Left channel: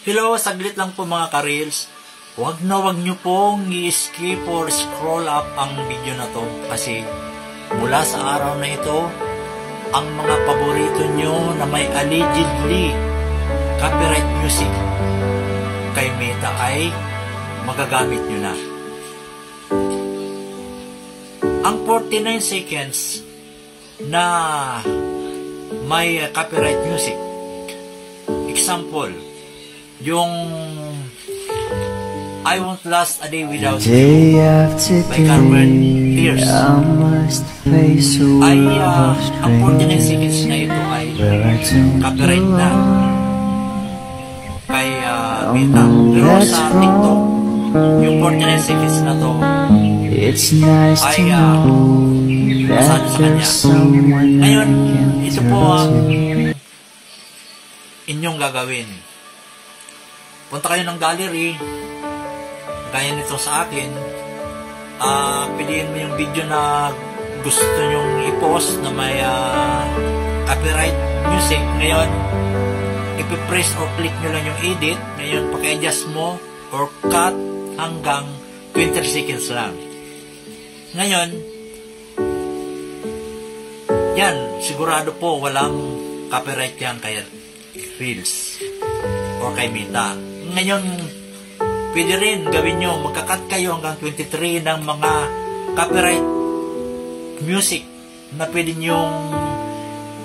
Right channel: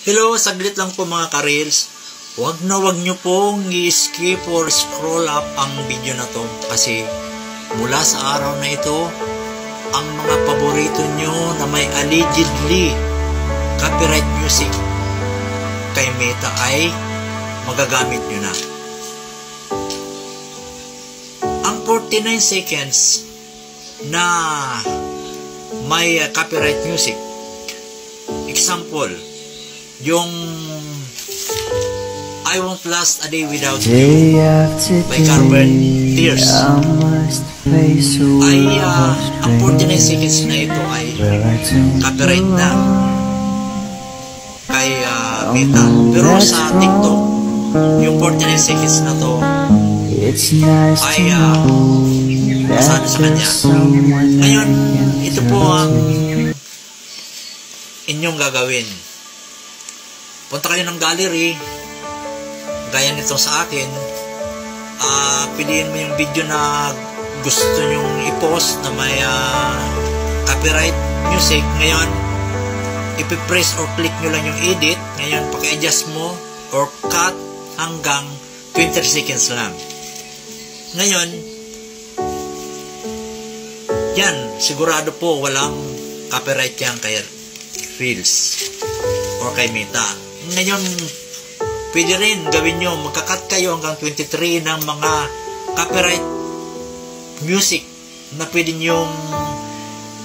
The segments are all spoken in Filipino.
Hello, saglit lang po mga ka-reels. Wag nyo pong i-skip or scroll up ang video na to kasi mula sa araw na ito, ang mga paborito nyo na may allegedly copyright music kay Meta ay magagamit nyo na. Ang 49 seconds na may copyright music, example, yung I Won't Last a Day Without You by Carbon Tears ay ang 49 seconds na ito ay copyright na kay Meta. Pero sa TikTok, yung 49 seconds na to ay masano sa kanya. Ngayon, ito po ang inyong gagawin. Punta kayo ng gallery, gaya nito sa akin, piliin mo yung video na gusto nyong i-post na may copyright music. Ngayon, ipipress or click nyo lang yung edit. Ngayon, paki-adjust mo or cut hanggang 20 seconds lang. Ngayon, yan, sigurado po walang copyright yan kay Reels or kay Meta. Ngayon, pwede rin gawin nyo, magkakat kayo hanggang 23 ng mga copyright music na pwede nyong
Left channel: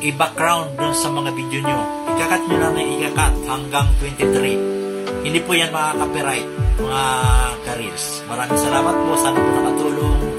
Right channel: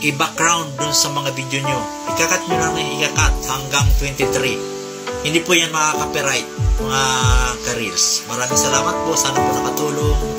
i-background dun sa mga video nyo. Ikakat nyo lang na ikakat hanggang 23. Hindi po yan mga copyright, mga ka-reels. Maraming salamat po. Sana po nakatulong.